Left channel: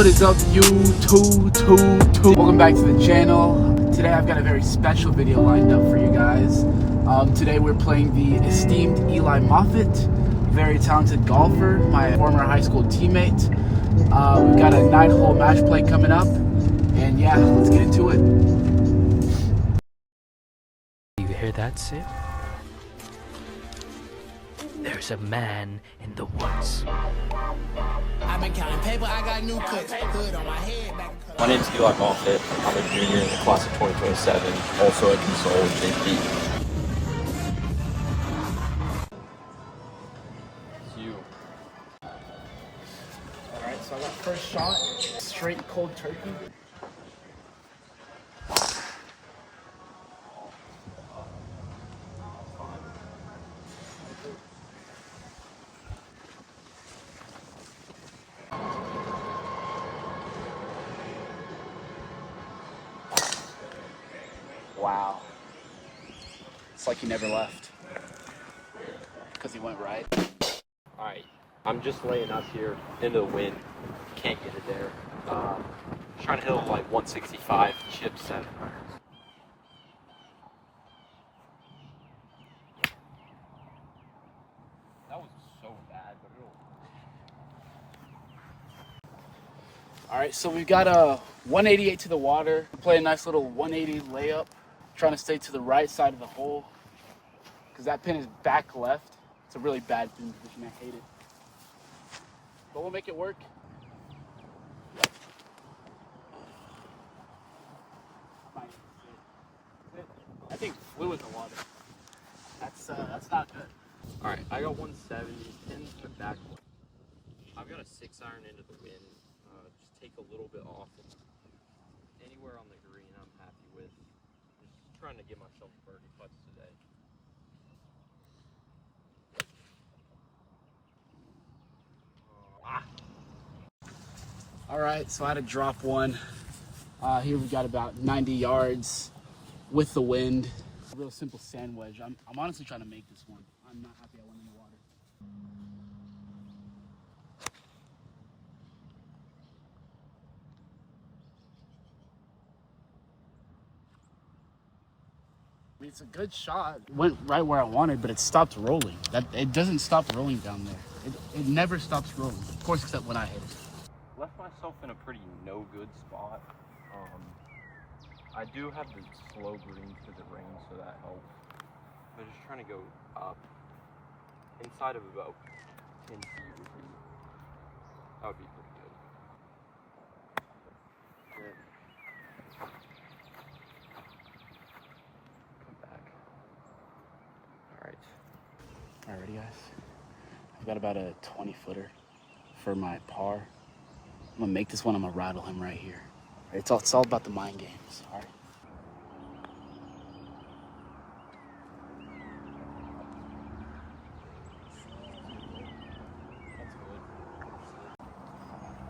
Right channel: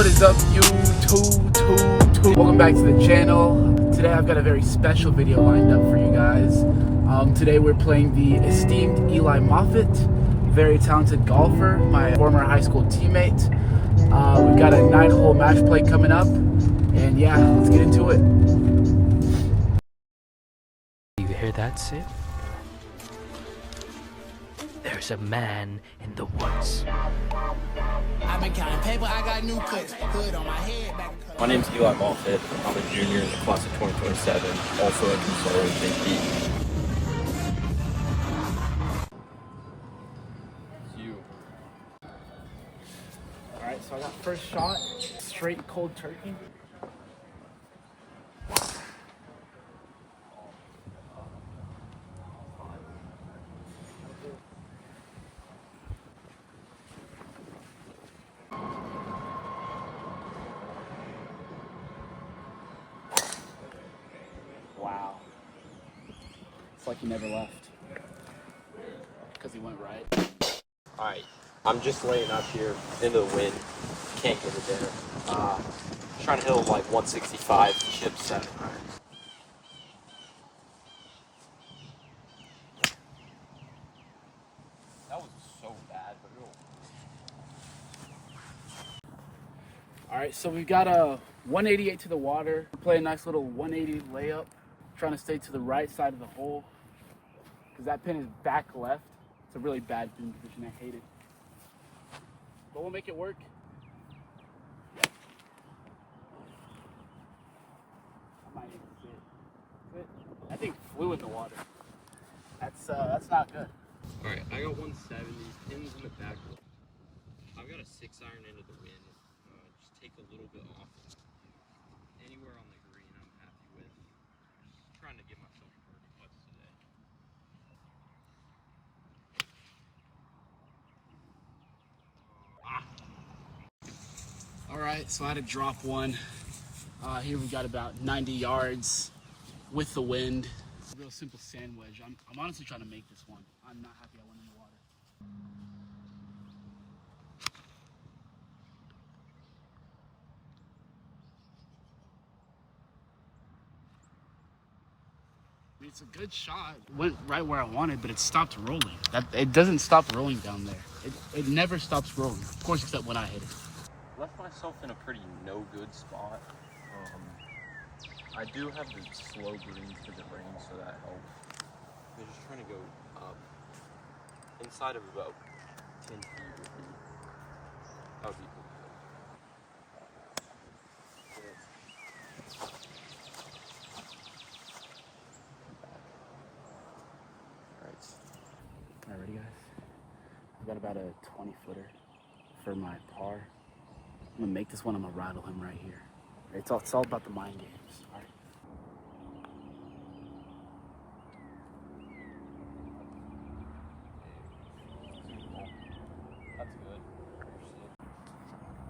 What is up, YouTube? Welcome back to the channel. Today I've got a very special video lined up for you guys. Today we're playing the esteemed Eli Moffitt, very talented golfer, my former high school teammate. We've got a 9-hole match play coming up, and yeah, let's get into it. You hear that, Sid? There's a man in the woods. I've been counting paper, I got new cuts. Hood on my head, back in color. My name's Eli Moffitt. I'm a junior in the class of 2027, also at Control in JP. It's you. Alright, so I got first shot, straight cold turkey. Wow. It's like he never left. Because he went right. Alright, I'm just laying up here into the wind. Can't get it there. Trying to hit like 165, chip 7 irons. That was so bad, but it'll... Alright, so we've got a 188 to the water. Play a nice little 180 layup. Trying to stay to the right side of the hole. Because that pin is back left. It's a really bad pin position. I hate it. But we'll make it work. I might need to sit. I think flew in the water. That's not good. Alright, I got 170, pins in the back. I've got a 6-iron into the wind. Just take a little bit off. Anywhere on the green I'm happy with. Just trying to get myself birdie putts today. Alright, so I had to drop one. Here we got about 90 yards with the wind. It's a real simple sand wedge. I'm honestly trying to make this one. I'm not happy I went in the water. I mean, it's a good shot. It went right where I wanted, but it stopped rolling. It doesn't stop rolling down there. It never stops rolling. Of course, except when I hit it. Left myself in a pretty no-good spot. I do have the slow greens for the rain, so that helps. I'm just trying to go up. Inside of about 10 feet that would be pretty good. All right, ready, guys? I've got about a 20-footer for my par. I'm gonna make this one. I'm gonna rattle him right here. It's all about the mind games. All right. That's good.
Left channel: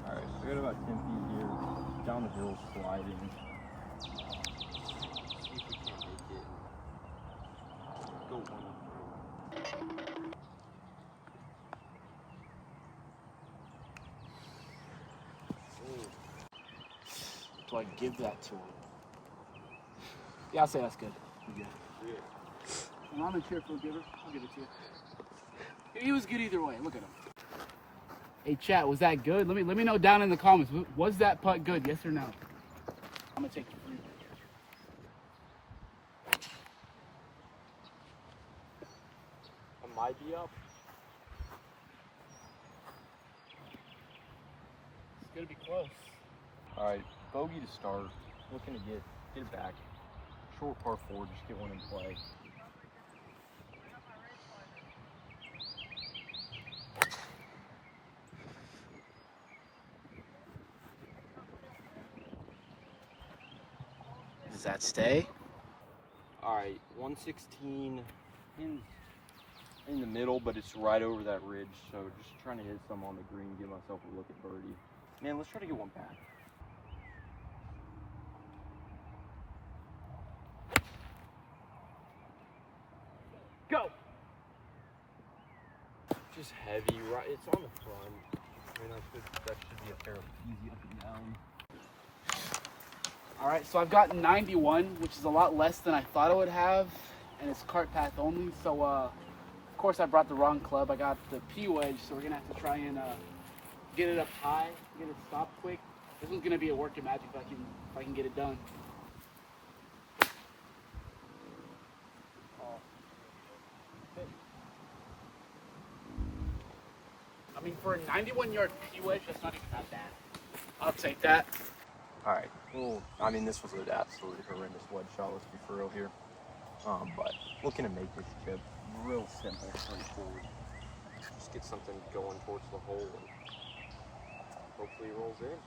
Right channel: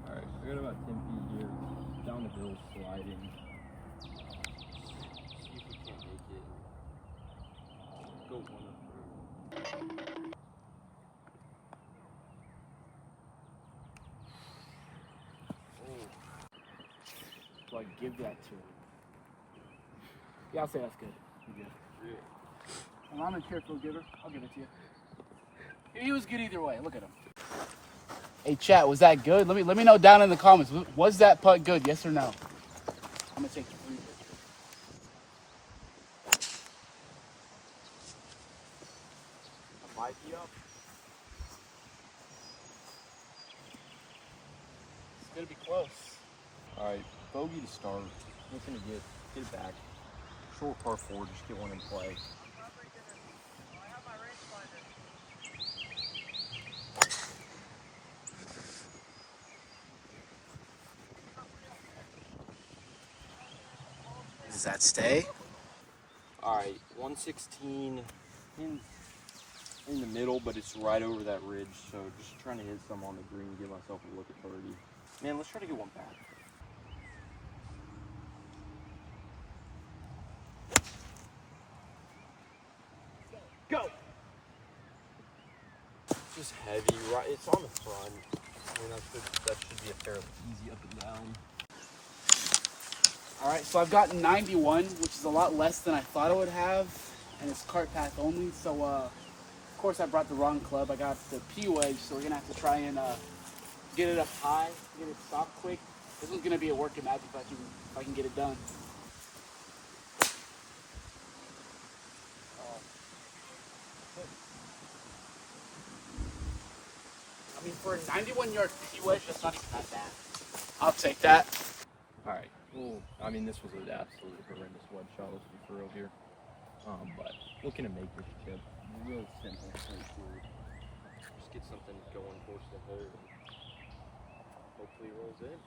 Alright, I got about 10 feet here. Down the hill, sliding. See if we can't make it. Go one up through. Do I give that to him? Yeah, I'll say that's good. I'm good. And I'm a cheerful giver. I'll give it to you. He was good either way. Look at him. Hey, chat, was that good? Let me know down in the comments. Was that putt good? Yes or no? I'm gonna take 3 pictures. Am I be up? It's gonna be close. Alright, bogey to start. Looking to get it back. Short par 4, just get one in play. Does that stay? Alright, 116 in the middle, but it's right over that ridge, so just trying to hit some on the green, give myself a look at birdie. Man, let's try to get one back. Go! Just heavy, right? It's on the front. I mean, that should be a fairly easy up and down. right, so I've got 91, which is a lot less than I thought I would have, and it's cart path only. So of course I brought the wrong club. I got the P wedge, so we're gonna have to try and get it up high, get it stopped quick. This one's gonna be a work of magic if I can get it done. I mean, for a 91-yard P wedge, that's not even that bad. I'll take that. All right. Well, I mean, this was an absolutely horrendous wedge shot. Let's be for real here. But looking to make this chip real simple, straightforward. Just get something going towards the hole and hopefully it rolls in.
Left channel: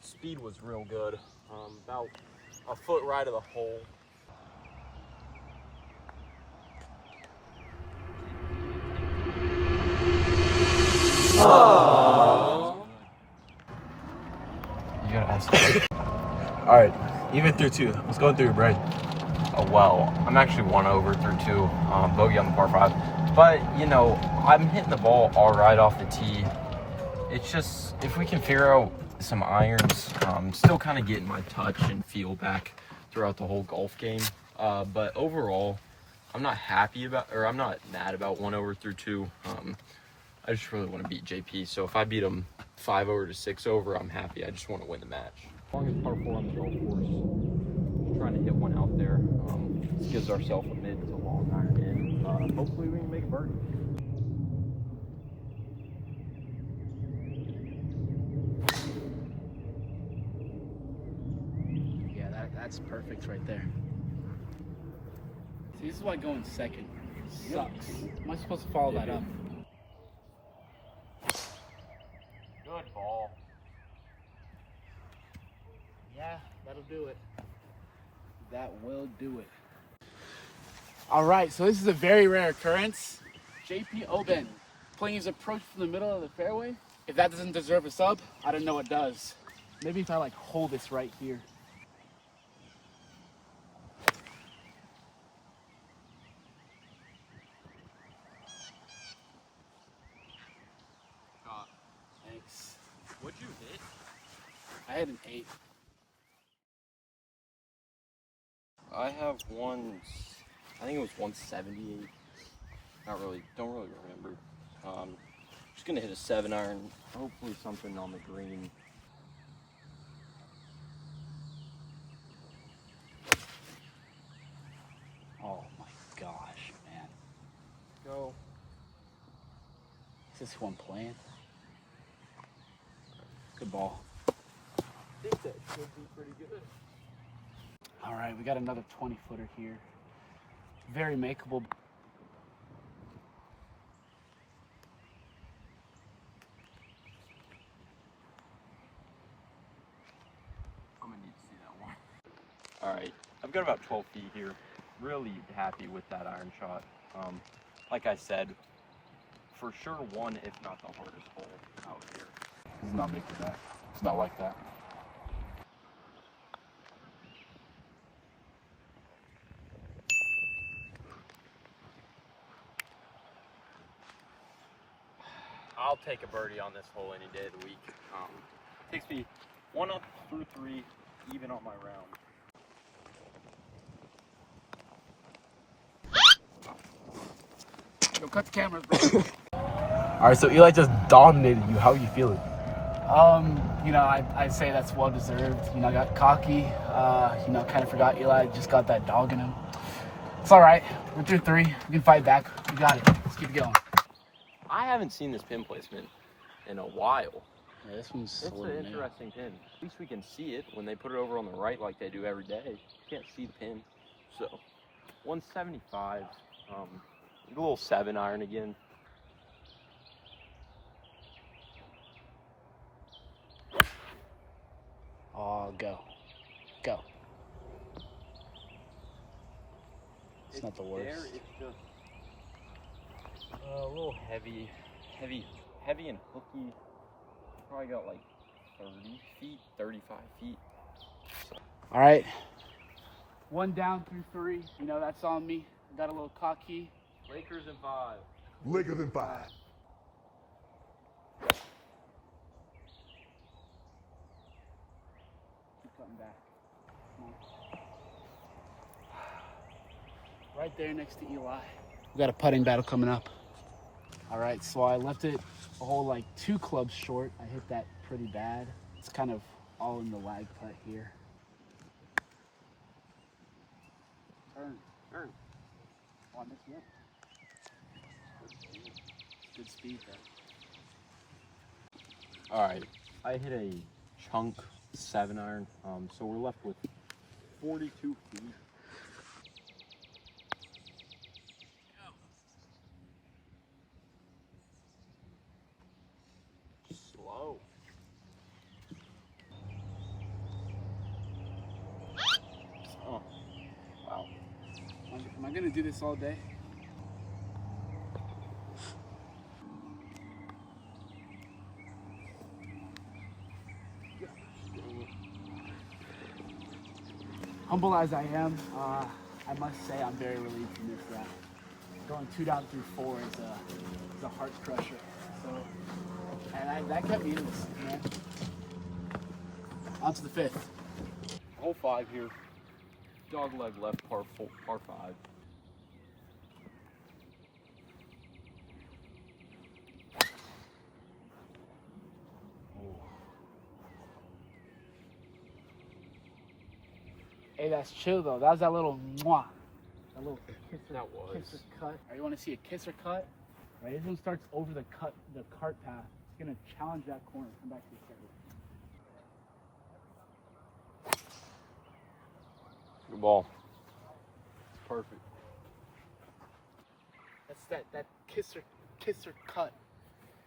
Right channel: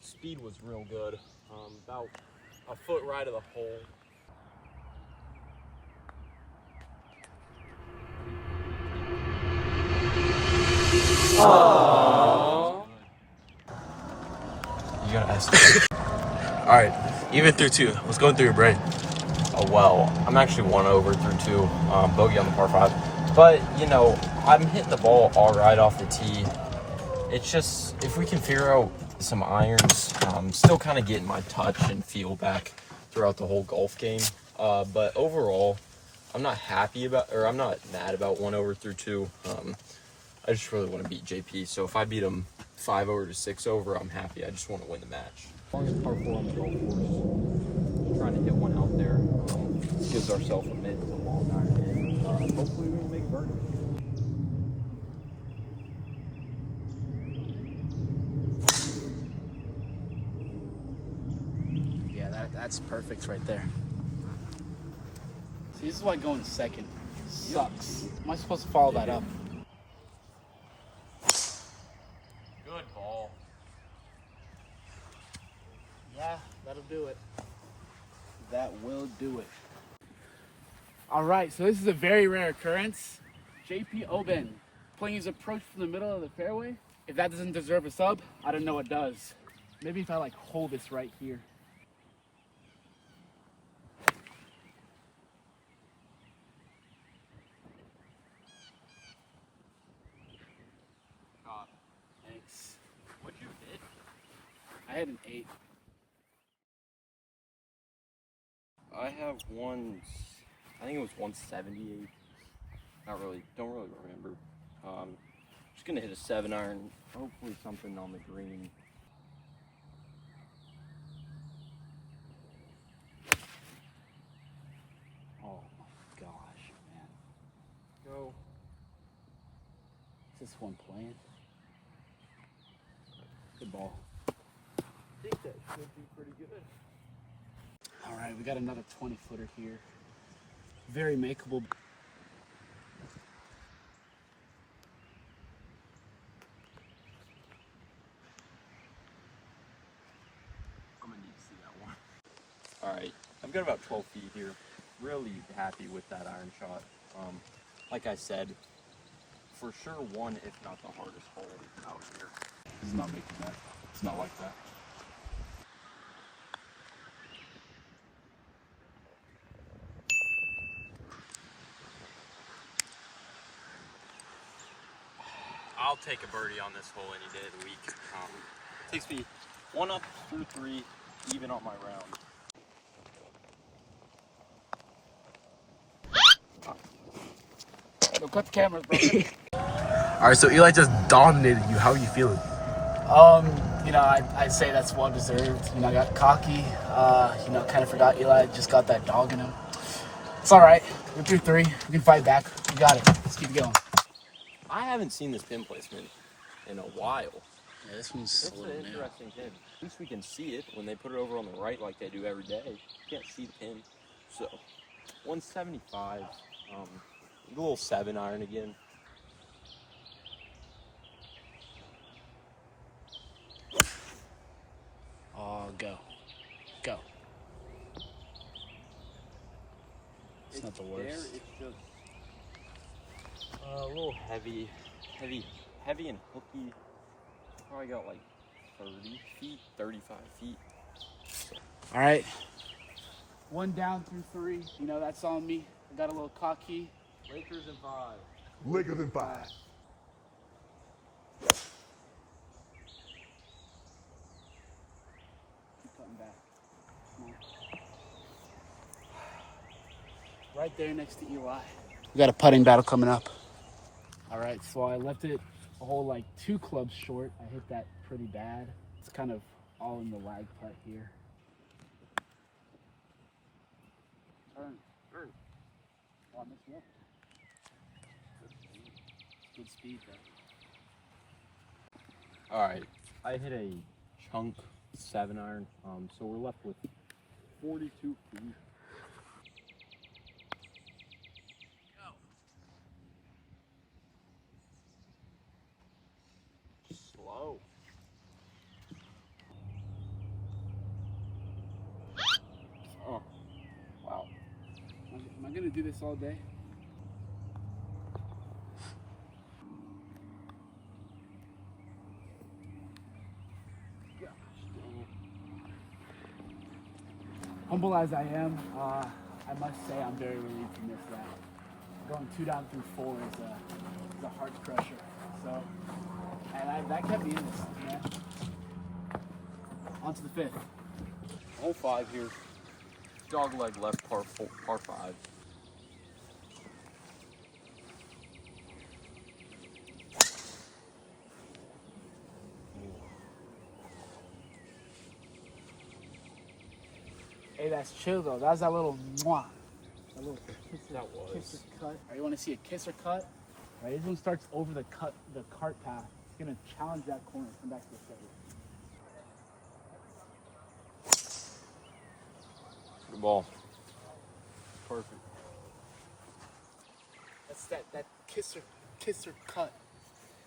Speed was real good. About a foot right of the hole. You gotta ask. All right, even through two. What's going through your brain? Oh well, I'm actually 1 over through two. Bogey on the par 5, but you know I'm hitting the ball all right off the tee. It's just if we can figure out some irons, still kind of getting my touch and feel back throughout the whole golf game. But overall, I'm not mad about 1 over through two. I just really want to beat JP. So if I beat him 5 over to 6 over, I'm happy. I just want to win the match. As long as par 4 on the golf course, just trying to hit one out there. Gives ourselves a mid to long iron in. Hopefully we can make a birdie. Yeah, that's perfect right there. See, this is why going second sucks. Am I supposed to follow that up? Good ball. Yeah, that'll do it. That will do it. All right, so this is a very rare occurrence. JP Oben playing his approach from the middle of the fairway. If that doesn't deserve a sub, I don't know what does. Maybe if I like hold this right here. Thanks. What'd you hit? I had an 8. I have one. I think it was 178. Don't really remember. Just gonna hit a 7-iron. Hopefully something on the green. Oh my gosh, man. Go. Is this one playing? Good ball. I think that should be pretty good. All right, we got another 20-footer here. Very makeable. I'm gonna need to see that one. All right, I've got about 12 feet here. Really happy with that iron shot. Like I said, for sure one, if not the hardest hole out here. He's not making that. It's not like that. I'll take a birdie on this hole any day of the week. Takes me 1 up through 3, even on my round. Yo, cut the cameras, bro. All right, so Eli just dominated you. How are you feeling? You know, I say that's well deserved. You know, I got cocky. You know, kind of forgot Eli just got that dog in him. It's all right. We're through 3. We can fight back. We got it. Let's keep it going. I haven't seen this pin placement in a while. Yeah, this one's It's an interesting pin. At least we can see it when they put it over on the right like they do every day. You can't see the pin. So, 175. A little 7-iron again. Oh, go. Go. It's not the worst. There, it's just a little heavy and hooky. Probably got like 30 feet, 35 feet. All right. 1 down through 3. You know, that's on me. I got a little cocky. Lakers in 5. Laker than 5. Keep cutting back. Come on. Right there next to Eli. We got a putting battle coming up. All right, so I left it a whole like 2 clubs short. I hit that pretty bad. It's kind of all in the lag putt here. Turn. Oh, I missed one. Good speed there. All right, I hit a chunk 7-iron, so we're left with 42 feet. Slow. Oh, wow. Am I gonna do this all day? Humble as I am, I must say I'm very relieved from this round. Going 2 down through 4 is a heart crusher. So, and that kept me in this, man. On to the 5th. Hole 5 here. Dog leg left, par 5. Hey, that's chill though. That was that little mwah. That little kisser, That was. kisser cut. All right, you want to see a kisser cut? All right, this one starts over the cart path. It's gonna challenge that corner. Come back to the steady. Good ball. Perfect. That's that kisser cut.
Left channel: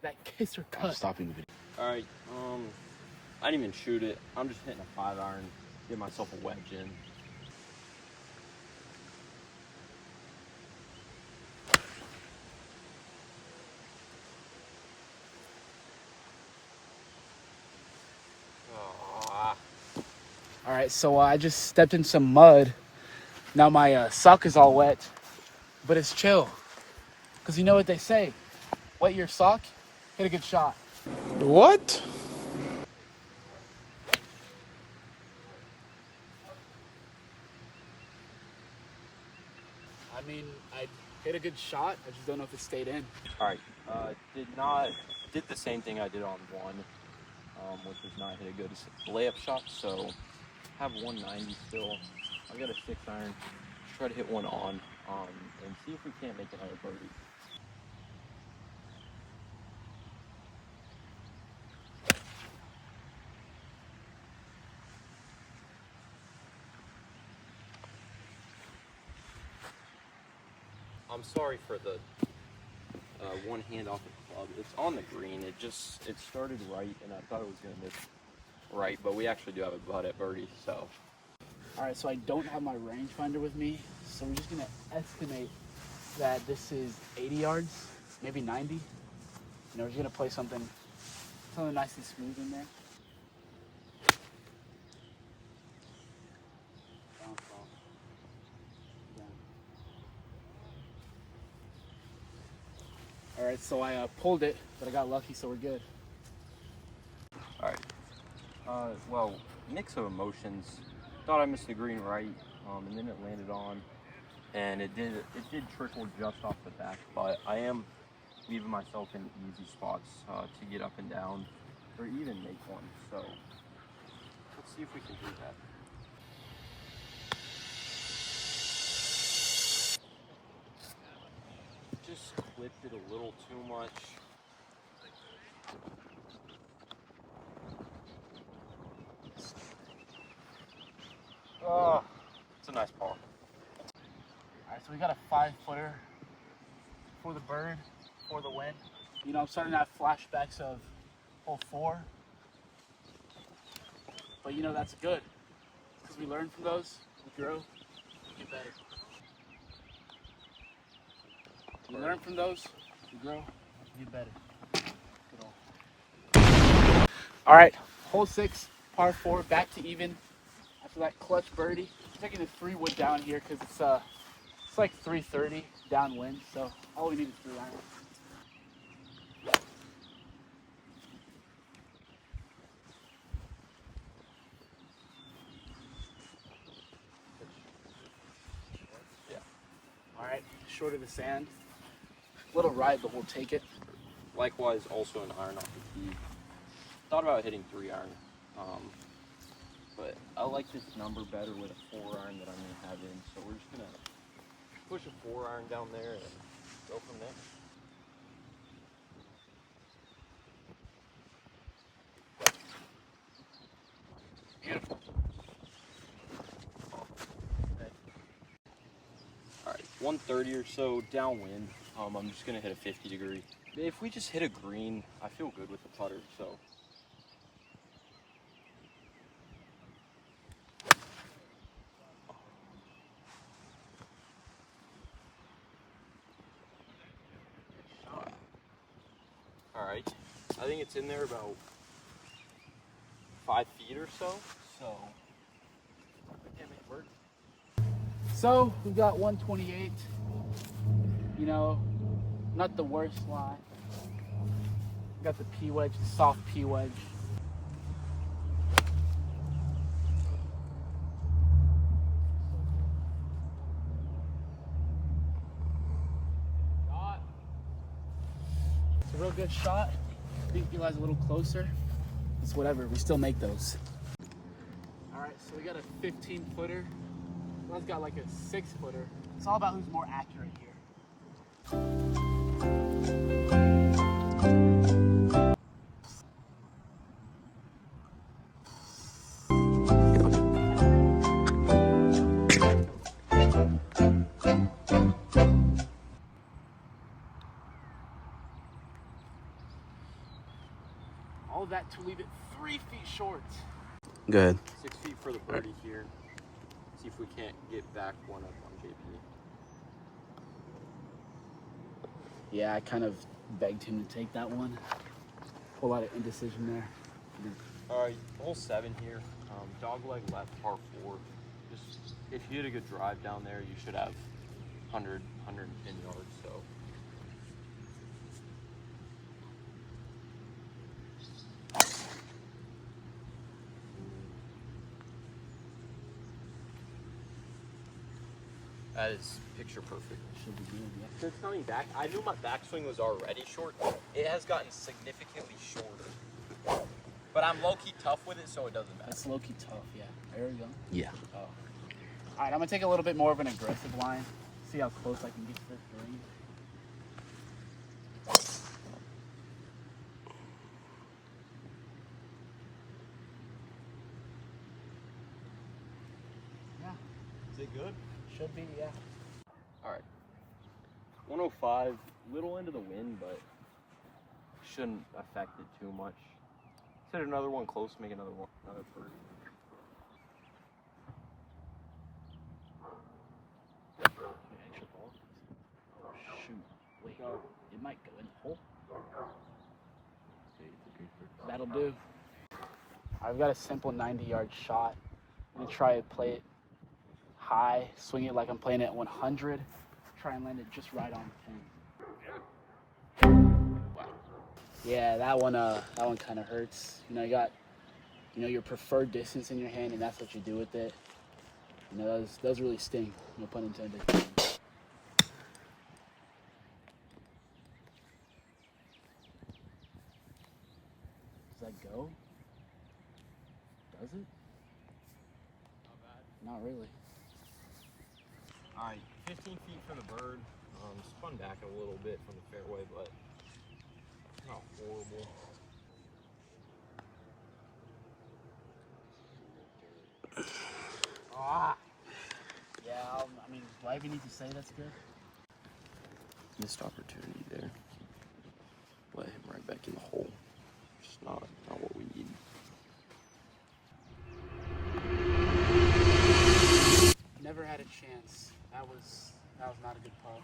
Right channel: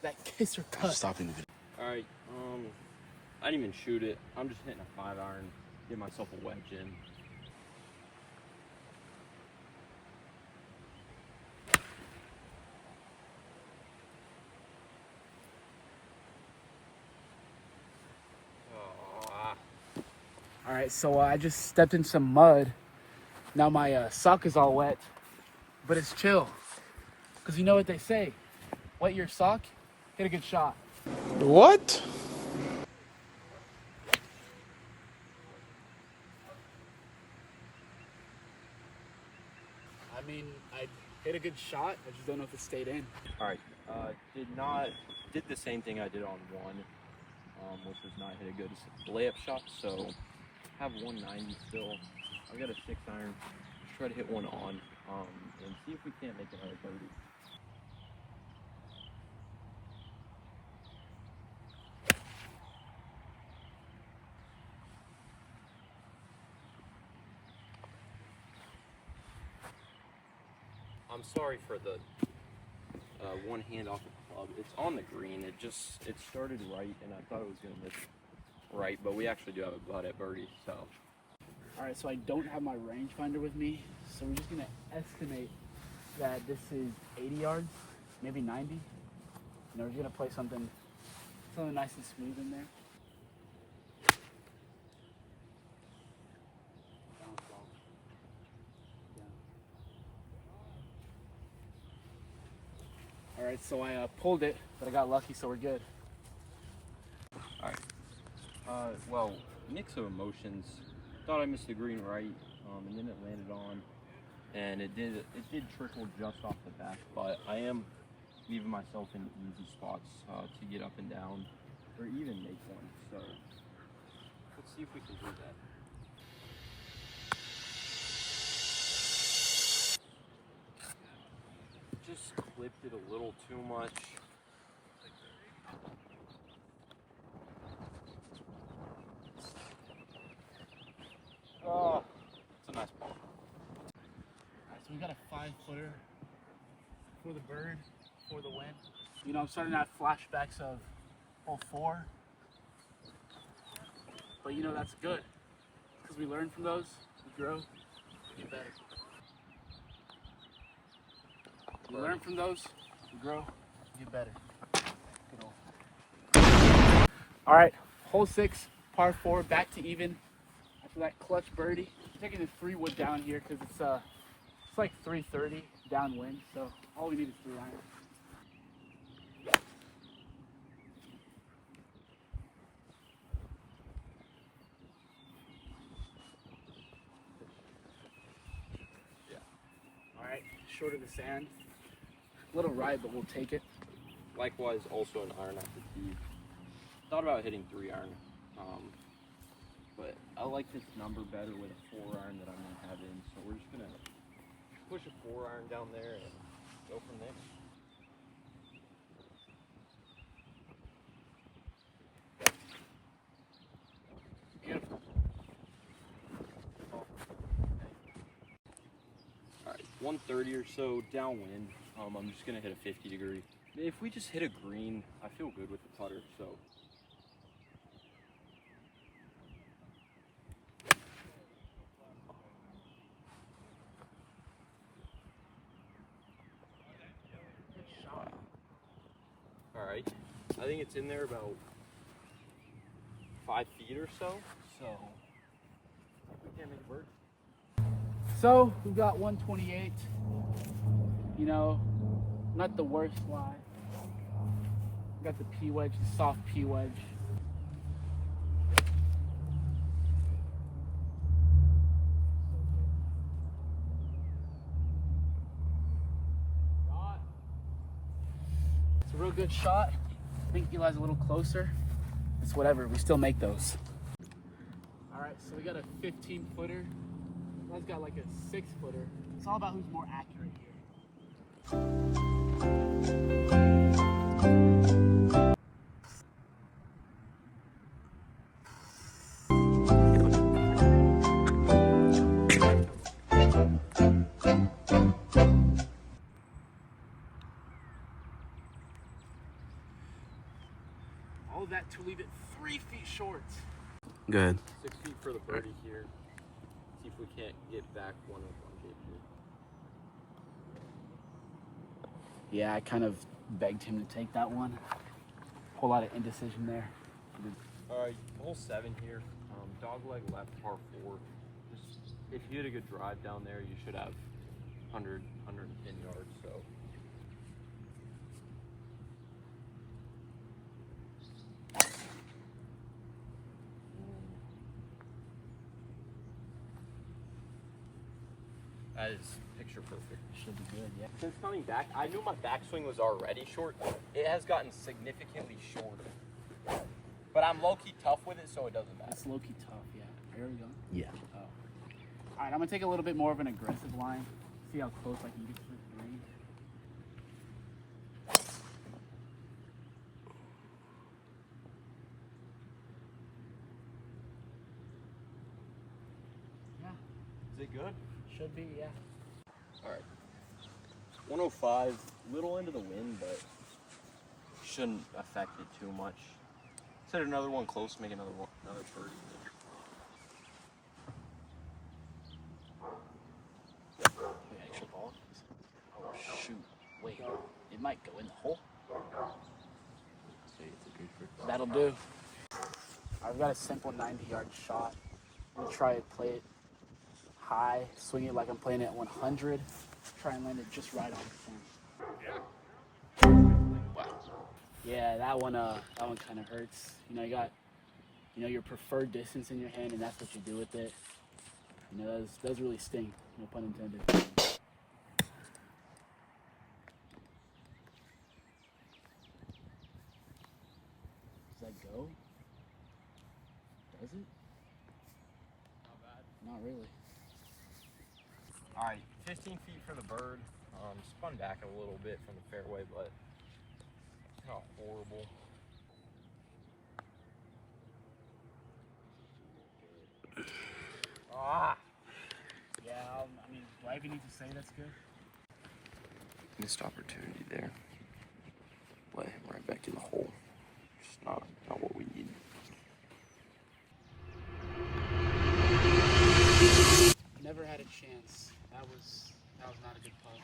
That kisser cut. Stopping the video. All right, I didn't even shoot it. I'm just hitting a 5-iron, get myself a wedge in. All right, so I just stepped in some mud. Now my sock is all wet, but it's chill. Cause you know what they say, wet your sock, hit a good shot. What? I mean, I hit a good shot. I just don't know if it stayed in. All right, did the same thing I did on 1, which was not hit a good layup shot. So have 190 still. I've got a 6-iron. Try to hit one on, and see if we can't make another birdie. I'm sorry for the one hand off the club. It's on the green. It started right, and I thought it was gonna miss right, but we actually do have a butt at birdie. So, All right, so I don't have my rangefinder with me, so we're just gonna estimate that this is 80 yards, maybe 90. You know, we're just gonna play something nice and smooth in there. Bounce off. Down. All right, so I pulled it, but I got lucky, so we're good. all right. Well, mix of emotions. Thought I missed the green right, and then it landed on, and it did trickle just off the back. But I am leaving myself in easy spots to get up and down, or even make one. So let's see if we can do that. Just clipped it a little too much. Oh, it's a nice ball. All right, so we got a 5-footer for the bird, for the win. You know, I'm starting to have flashbacks of hole 4. But you know, that's good. Because we learn from those, we grow, we get better. We learn from those, we grow, we get better. Good old. All right, hole 6, par 4, back to even. After that clutch birdie, I'm taking the 3 wood down here because it's like 330 downwind, so all we need is 3 irons. right, short of the sand. Little ride, but we'll take it. Likewise, also an iron off the tee. Thought about hitting 3-iron, but I like this number better with a 4-iron that I'm going to have in. So we're just going to push a 4-iron down there and go from there. Beautiful. All right, 130 or so downwind. I'm just going to hit a 50 degree. If we just hit a green, I feel good with the putter, so. Wow. All right, I think it's in there about 5 feet or so, so we can't make a bird. So we've got 128. You know, not the worst lie. Got the P wedge, the soft P wedge. It's a real good shot. I think Eli's a little closer. It's whatever, we still make those. All right, so we got a 15-footer. Eli's got like a 6-footer. It's all about who's more accurate here. All that to leave it 3 feet short. Good. 6 feet for the birdie here. See if we can't get back one up on JP. Yeah, I kind of begged him to take that one. Whole lot of indecision there. All right, hole 7 here. Dog leg left, par 4. Just if you hit a good drive down there, you should have 100, 110 yards. So. That is picture perfect. Should be good, yeah. It's coming back. I knew my backswing was already short. It has gotten significantly shorter. But I'm low-key tough with it, so it doesn't matter. That's low-key tough, yeah. There we go. Yeah. Oh. All right, I'm gonna take a little bit more of an aggressive line. See how close I can get to this ring. Yeah. Is it good? Should be, yeah. All right. 105, little into the wind, but shouldn't affect it too much. Let's hit another one close, make another birdie. Extra ball. Oh shoot! Wait, it might go in the hole. That'll do. I've got a simple 90-yard shot. I'm gonna try to play it high, swing it like I'm playing it at 100. Try and land it just right on the pin. Wow. Yeah, that one kind of hurts. You know, you got, your preferred distance in your hand, and that's what you do with it. You know, those really sting. No pun intended. Does that go? Does it? Not bad. Not really. All right, 15 feet for the bird. Spun back a little bit from the fairway, but not horrible. Ah. Yeah, I mean, do I even need to say that's good? Missed opportunity there. Let him right back in the hole. Just not what we need. Never had a chance. That was not a good putt.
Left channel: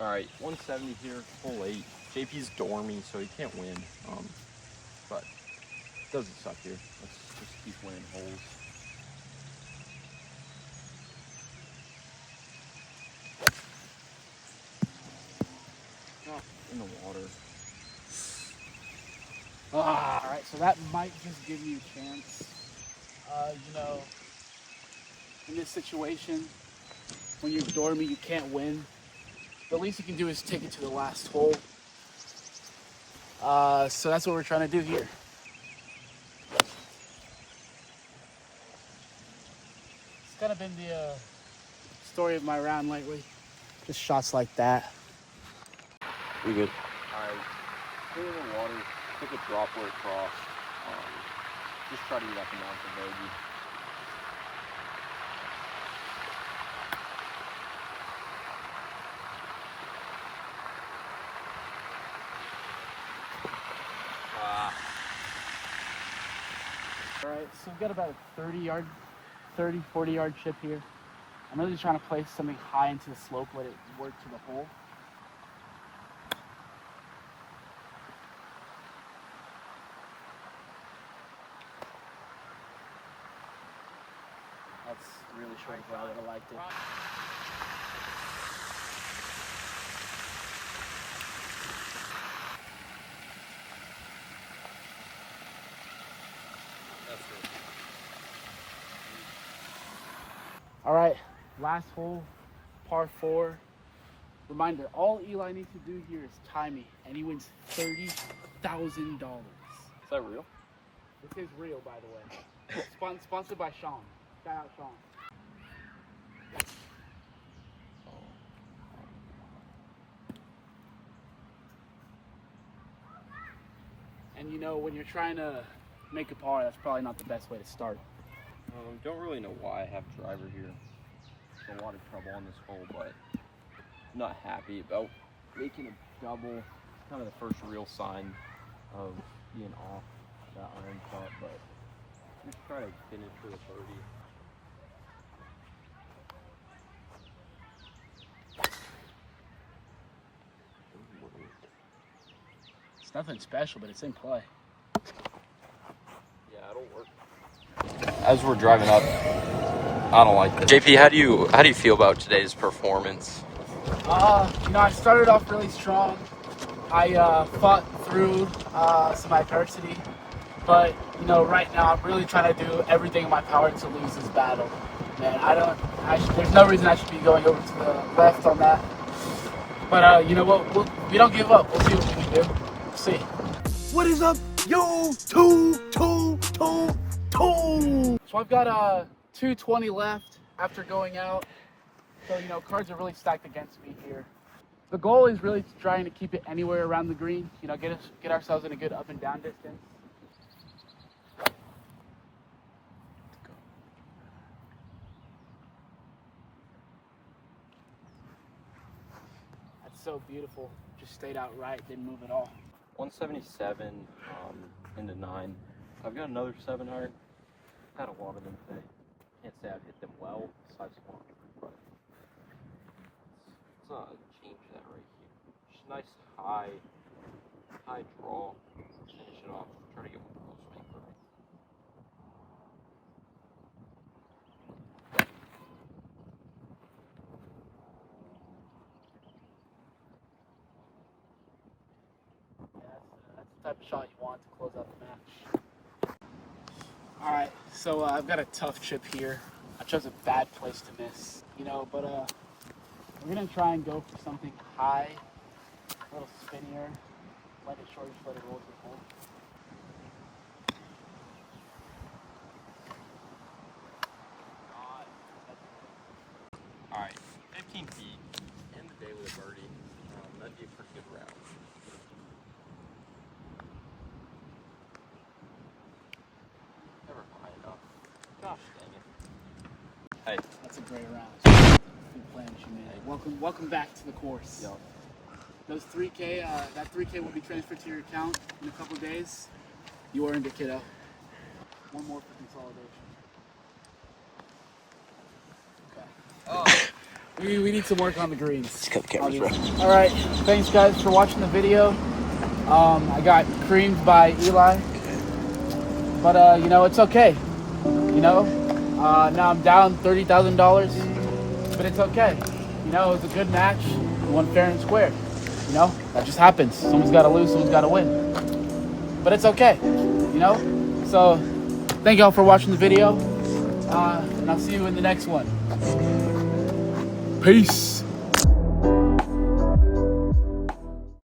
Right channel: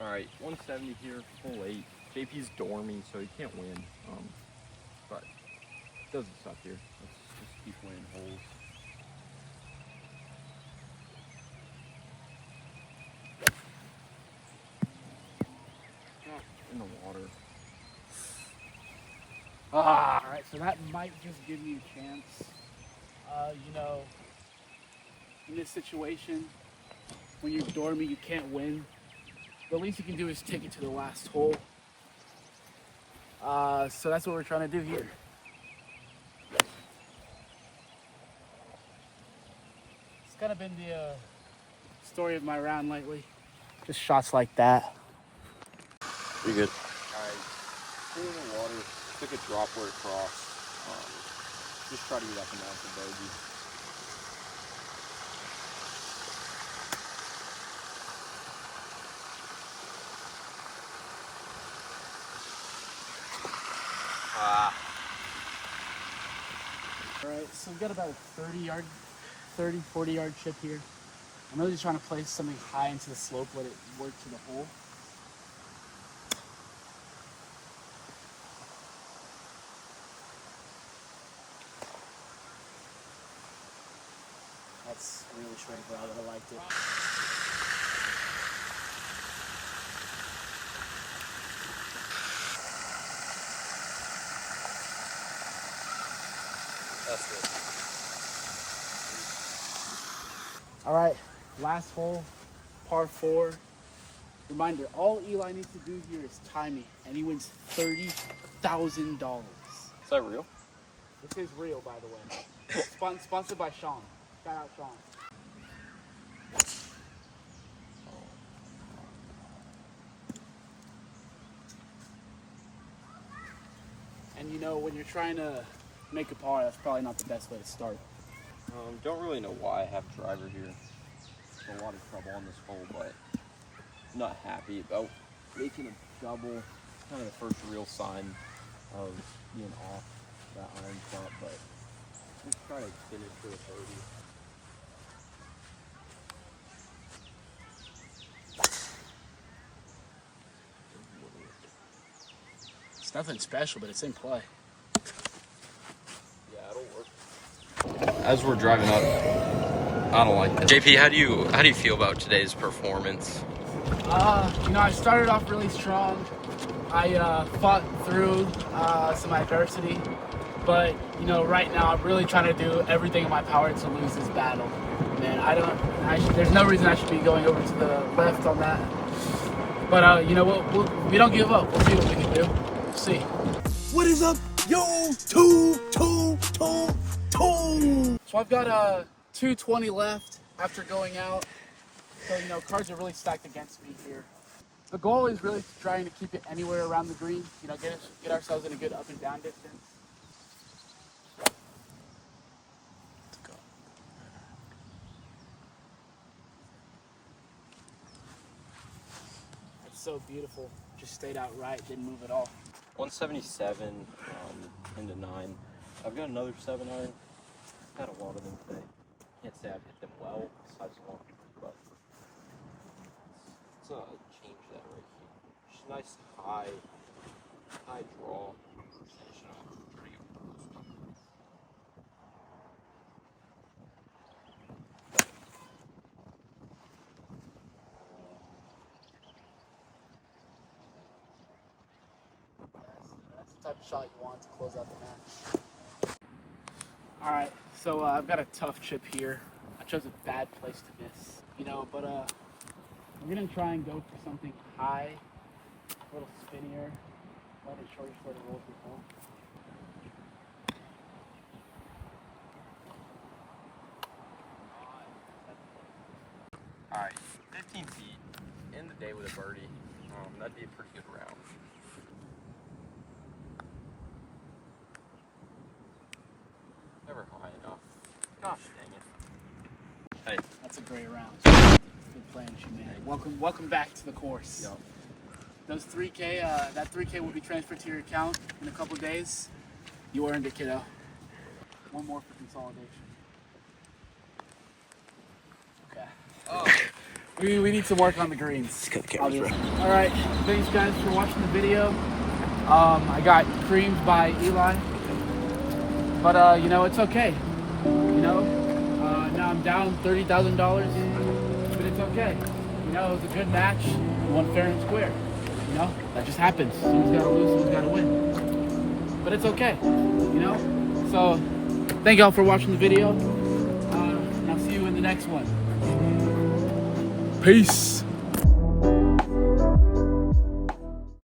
All right, 170 here, hole 8. JP's dormy, so he can't win. But it doesn't suck here. Let's just keep winning holes. In the water. All right, so that might just give you a chance. In this situation, when you're dormy, you can't win. the least you can do is take it to the last hole. So that's what we're trying to do here. It's kind of been the story of my round lately. Just shots like that. You good? Alright, stay in the water, took a drop where it crossed. Just try to get up and down for bogey. Alright, so we've got about a 40 yard chip here. I'm really trying to place something high into the slope, let it work to the hole. That's really short of where I would have liked it. That's good. All right, last hole, par 4. Reminder, all Eli needs to do here is tie me, and he wins $30,000. Is that real? This is real, by the way. Sponsored by Sean. Shout out Sean. And you know, when you're trying to make a par, that's probably not the best way to start. Don't really know why I have driver here. It's a lot of trouble on this hole, but I'm not happy about making a double. It's kind of the first real sign of being off that iron shot, but just try to finish with a birdie. It's nothing special, but it's in play. Yeah, it'll work. As we're driving up, I don't like this. JP, how do you feel about today's performance? You know, I started off really strong. I fought through some adversity, but you know, right now I'm really trying to do everything in my power to lose this battle. Man, there's no reason I should be going over to the left on that. But you know what? We don't give up. We'll see what we can do. We'll see. What is up, yo? Two. So I've got 220 left after going out. So you know, cards are really stacked against me here. The goal is really trying to keep it anywhere around the green. You know, get ourselves in a good up and down distance. That's so beautiful. Just stayed out right, didn't move at all. 177 into 9. I've got another 7 iron. Had a lot of them today. Can't say I've hit them well, besides one, but let's change that right here. Just a nice high draw. Finish it off. Try to get one of those people. That's the type of shot you want to close out the match. All right, so I've got a tough chip here. I chose a bad place to miss, you know, but we're gonna try and go for something high, a little spinnier. Let it short, just let it roll to the hole. All right, 15 feet. End the day with a birdie. That'd be a pretty good round. Never high enough. Gosh dang it. Hey. That's a great round. Good playing, man. Welcome back to the course. Yep. Those 3K, that 3K will be transferred to your account in a couple days. You earned it, kiddo. One more for consolidation. Okay. Oh. We need some work on the greens. Just cut the cameras, bro. All right, thanks guys for watching the video. I got creamed by Eli, but you know, it's okay. You know, now I'm down $30,000, but it's okay. You know, it was a good match. We won fair and square. You know, that just happens. Someone's got to lose, someone's got to win. But it's okay. You know, so thank y'all for watching the video, and I'll see you in the next one. Peace.